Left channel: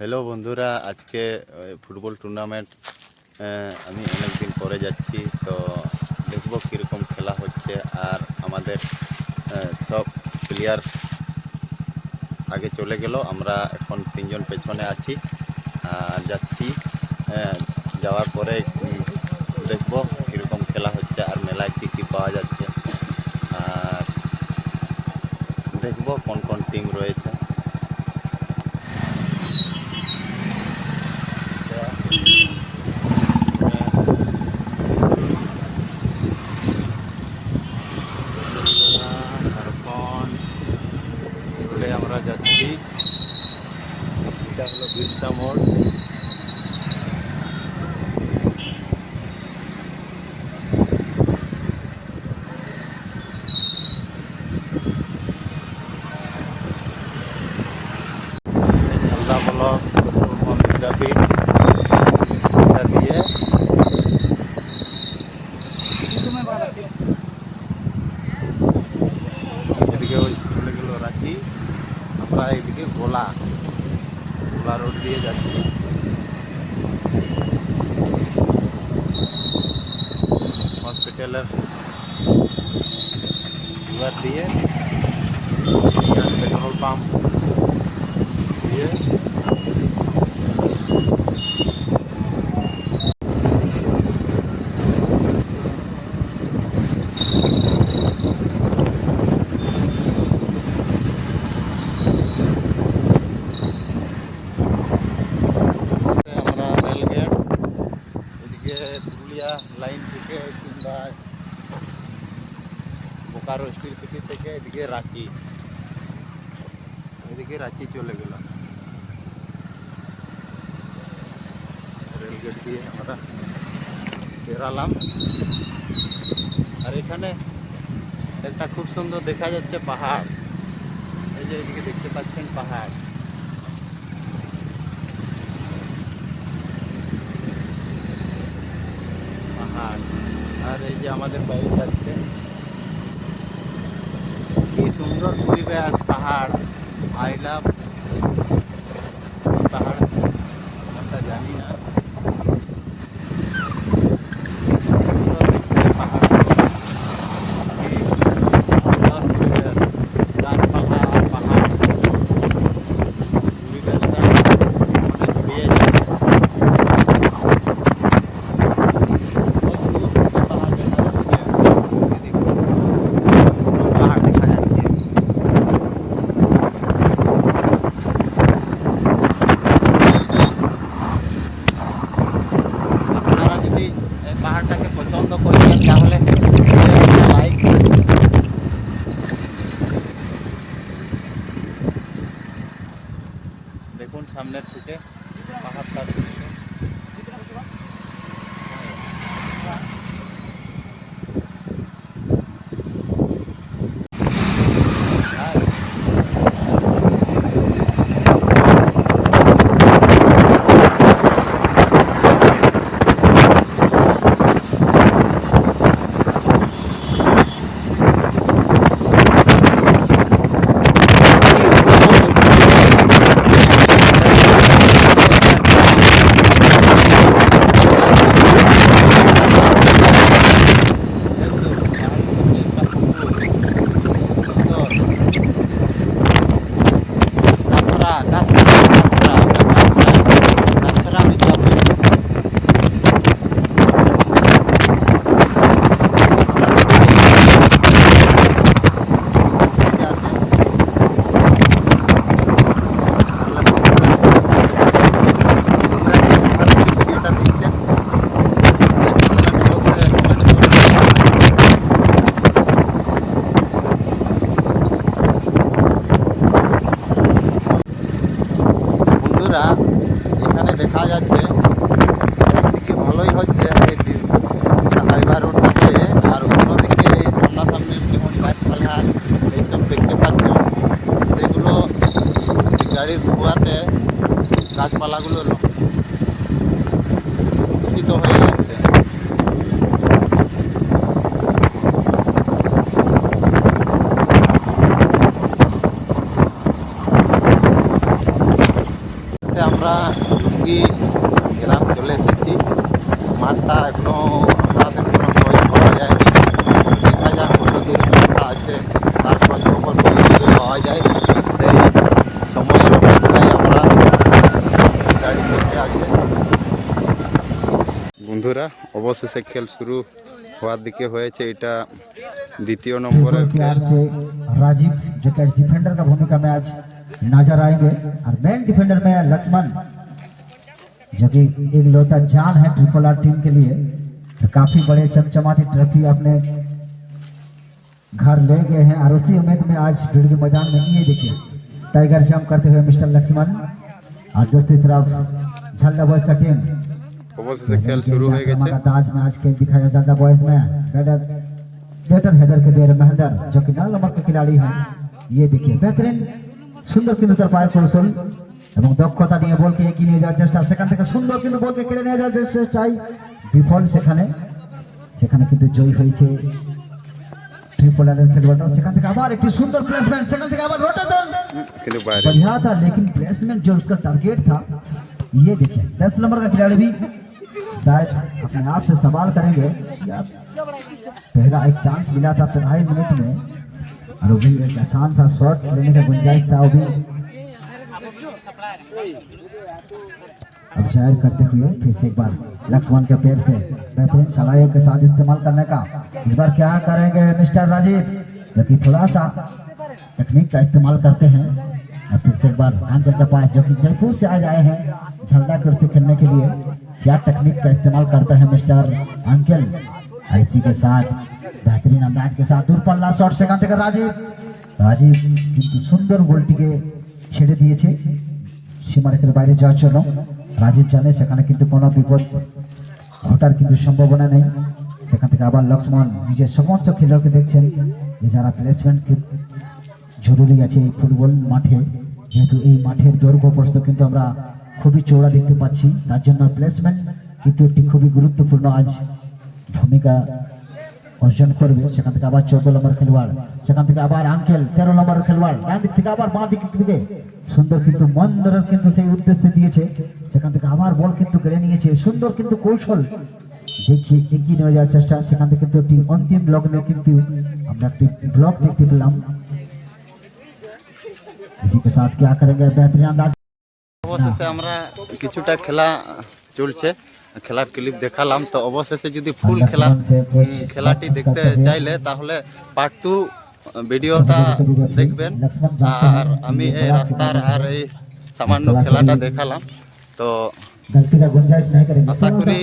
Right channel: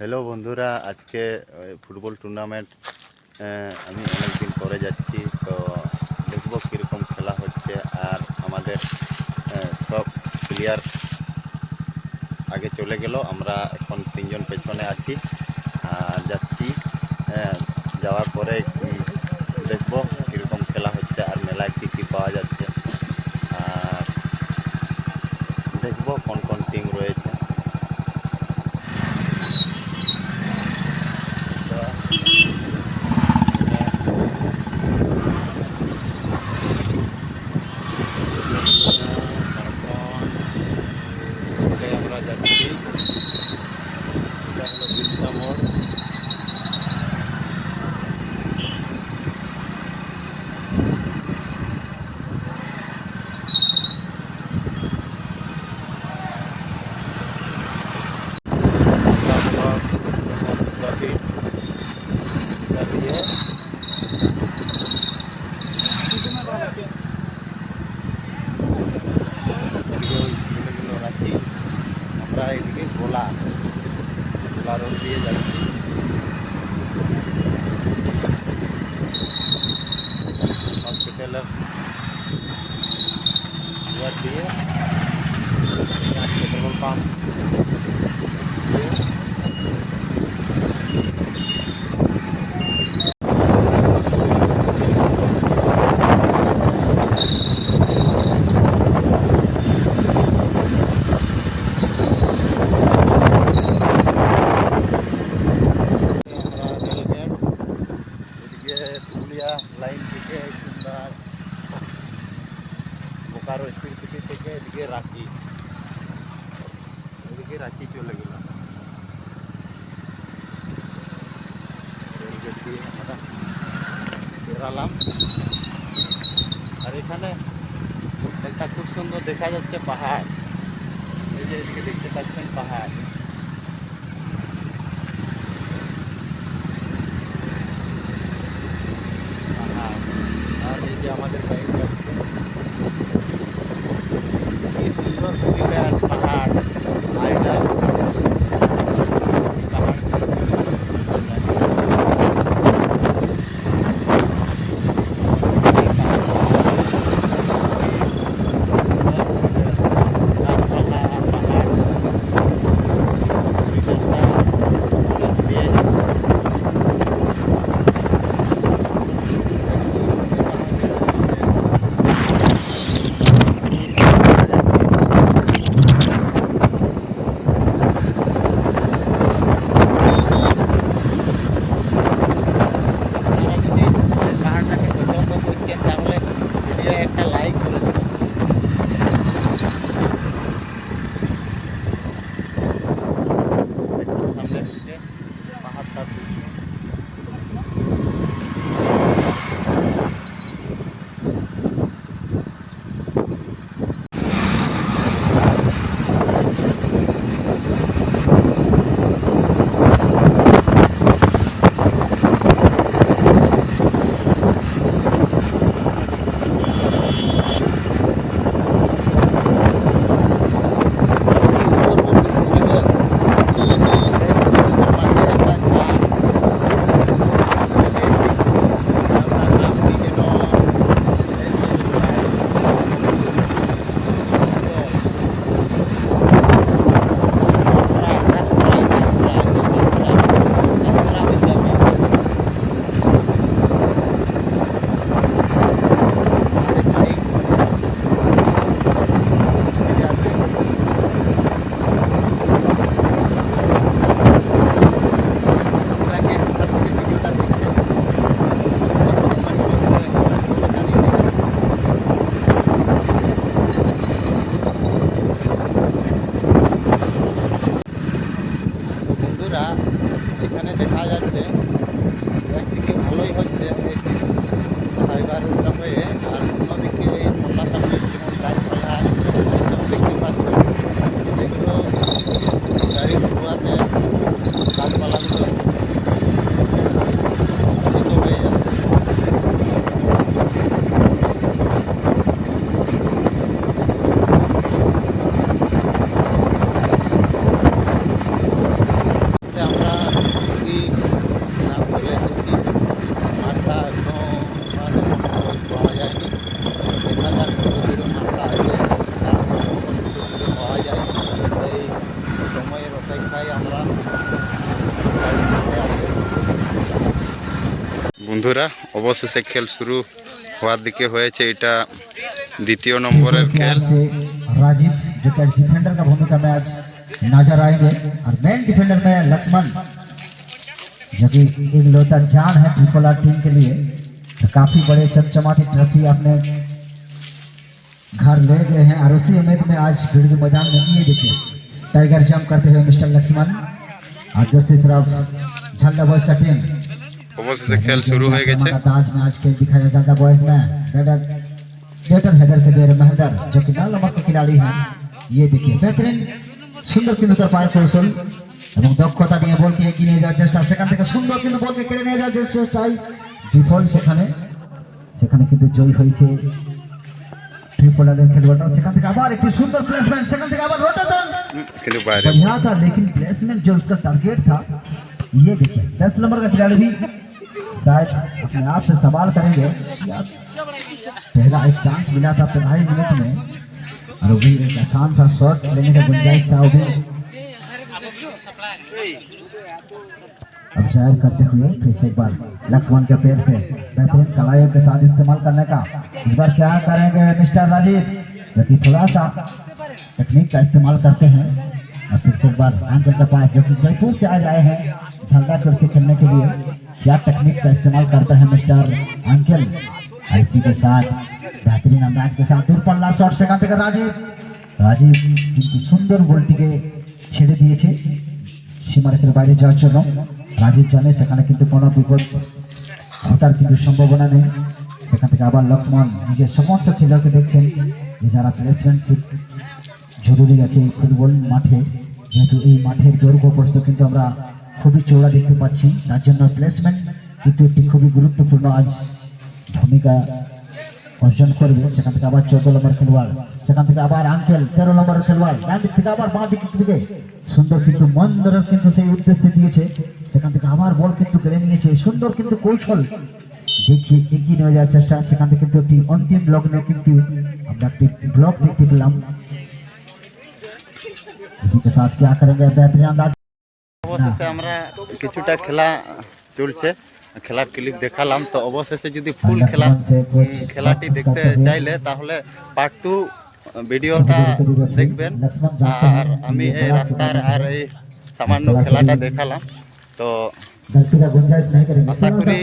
Hello বন্ধুরা, আজকে football tournament আমি অনেক দিন পরে যাচ্ছি। তো দেখবো কীরকম খেলা হচ্ছে। আর আমাদের সব প্লেয়ার আগে চলে গেল, আমরা এখন তিনজন পেছনে আছি আর যাচ্ছি। যাওয়ার পরে দেখবো কীরকম খেলা হচ্ছে আর মেলায় কী কী পাওয়া যাচ্ছে, আর দেখবো কোন কোন টিম রয়েছে। আমরা যাচ্ছি, এটা হলো বিরসা মোড়। আমরা হলো বিদ্যাপীঠ, এটা দিয়ে এদিকে ওই ছেলেগুলো রাখি, আমরা এদিকে গোলা রোড দিয়ে যাচ্ছি। হসপিটালের ইয়ার দিয়ে পেট্রোল পাম্প দিয়ে আমরা রেলগেট, এদিকে পুরুলিয়া লাইন থেকে কিংবা বোকারো স্টিল সিটি থেকে এদিকে রাঁচি চলে গেল। রেলগেট দিয়ে আমরা বেরালাম। আর এখানে একটা খুব সুন্দর দেখা যাচ্ছে পাহাড়, এই যে এদিকে দেখতে পাচ্ছেন পাহাড়। আর এই যে আমাদের বাইক যাচ্ছে, কি সুন্দর পরিবেশ, পাহাড়। আই লাভ পাহাড়, আমরা জানি না। গাছপালা আর পাহাড় পরিবেশটা জুড়িয়ে যায়। আপনারা যদি পাহাড়টাকে পছন্দ করেন তাহলে একটা লাইক করে দেবেন। দেখুন সামনের দিকে পাহাড়টার দৃশ্য। বন্ধুরা, এখানে দেখা যাচ্ছে একদিকে ভালোই হচ্ছে, হাইওয়ে রোডটাকে, আর অন্যদিকে এই সামনাসামনি যেমন গাছপালা এইসব দেখতে পাচ্ছ, সেগুলো গাড়ির ধোঁয়াতে গাছপালাগুলো দূষিত হয়ে যাচ্ছে। অবশেষে আমরা কি গ্রাম চলে এসেছি। মাঠটা একদম আমাদের কোনো জল পাওয়া যায়নি। দেখা যাক কত দূর মাঠটা আছে, তার খোঁজখবর ধীরে ধীরে পাওয়া যায়। সেই সময়ের অপেক্ষায় আমরা গাড়ি করতে আছে। বন্ধুরা, অবশেষে খেল শুরু হওয়ার দিকে হয়েছে। এটা দ্বিতীয় নম্বরের খেল। राजीव जो कैच डिफेंडर का भूमिका में आज नजर आएंगे और मेन डिफेंडर में लक्ष्मण जो कि एक लौता जान है ट्रिपल आर टीम के लिए। तो काफी बड़े चमचमाती ट्रॉफी अपने घर ले गए हैं और उसी उम्मीद में आज बिरजू मैदान में ये देखिए टाइगर जंप करते हुए मिस्टर लक्ष्मण और दूसरी तरफ झल्ला बॉयज का टीम। অবশেষে খেল শুরু হয়ে গেছে। आज में आज खेल दिखाया झल्ला बॉयज में बेटर हेडर के देर महदर जो कि 9 नंबर के खिलाड़ी हैं। ये देखिए बेहतरीन सुंदर কিন্তু তার পায়ের কৌশল এবং দক্ষতা নিয়ে বলকে এগিয়ে নিয়ে যাওয়ার চেষ্টা, সেখান থেকে সুন্দর কিন্তু বলকে কেড়ে নিয়ে যাওয়ার চেষ্টায় ডিফল্ট সেখানে কিন্তু জয় হয়েছে ट्रिपल आर খেলোয়াড়রা। সেখান থেকে আবার একটি সুন্দর প্লেসমেন্ট, সেখান থেকে আবার রোটেশন কিন্তু বাইরে बढ़िया था लेकिन प्लेसमेंट जो उसका टारगेट था। ये देखिए 10 नंबर का खिलाड़ी भी शायद अपने आप से सवाल करेंगे यार पहला एक चांस मिला था 2.5 मिनट में और वो भी एक आसान सा शॉट लेने का गुंजाइश था। वो भी अब जाहिर करते हुए फिर से एक बार लक्ष्मण के पैर से बेहतरीन कलाइयों के साथ इस्तेमाल करने का इस बार क्या करेंगे मिस्टर राजीव, जो कि थोड़ा सा टेक्निक का इस्तेमाल करते हैं। और फिर से एक बार अंकल के पास जो कि जयपुर से आज आए हैं झल्ला कुर्सी खेलने के लिए, क्या टेक्निक का इस्तेमाल करते हैं मिस्टर अंकल। और इसी के साथ बेहतरीन अंदाज के साथ दूर पल्ला शॉट সেখান থেকে রাজীব কিন্তু সুন্দর বলটিকে ছেড়ে দিয়েছে সীমারেখার বাইরে যাওয়ার জন্য। রাজীব জানে সেখানে কিন্তু কোনো বিপদ ঘটার কিন্তু সম্ভাবনা নেই। সেখান থেকে আবার লক্ষ্মণ নিজের সমস্ত খেলোয়াড়কে দেখছেন যে যারা প্লেসমেন্ট জরুরি আছে এই ফুটবল মাঠে, যেহেতু এই মাঠের দৈর্ঘ্য প্রস্থ কিন্তু আমরা খুবই চওড়া দেখতে পাচ্ছি, তার জন্য প্লেসমেন্ট কিন্তু একটি খুবই গুরুত্বপূর্ণ আজ ভূমিকা অর্জন করবে। সেখান থেকে আবার 14 নম্বর খেলোয়াড়, সেখান থেকে আবার আঙ্কেল 13 নম্বরের খেলোয়াড়, ডান দিক থেকে আবার বাঁ দিক থেকে সুন্দর কিন্তু মন্দরের কিন্তু সেই উদ্দেশ্যে দিয়েছে। সেখান থেকে আবার বল কিন্তু কেড়ে নিয়েছে, সুন্দর কিন্তু কৌশল দেখিয়ে এগিয়ে নিয়ে যাওয়ার চেষ্টা। সেখান থেকে কিন্তু একটি অন্তিম ব্লক নিয়ে কিন্তু আমরা একটি ব্লক দেখতে পেলাম। इसी के साथ क्या करेंगे बेहतरीन अंदाज। অবশেষে আমরা কিছুটা খেলা চলছে, খেলার ক্লিপ দেখালাম। তো অবশেষে যদি ফুল খেলাটি দেখতে চাইলে তাহলে পার্ট 2 ভিডিওটা দেখবেন। আর আমি এই রাস্তার আর এই সামান্য খেলাটা দেখালাম। তো আশা করি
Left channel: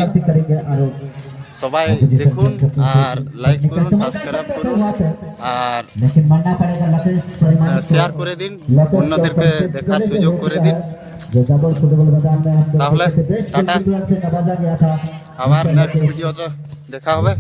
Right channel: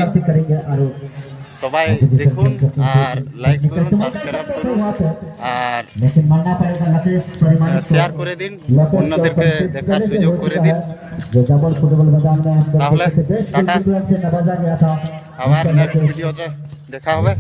সবাই দেখুন আর লাইক করুন, সাবস্ক্রাইব করুন আর শেয়ার করে দিন, অন্যদেরকে দেখার সুযোগ করে দিন। তাহলে টাটা, আবার নেক্সট ভিডিওতে দেখা হবে।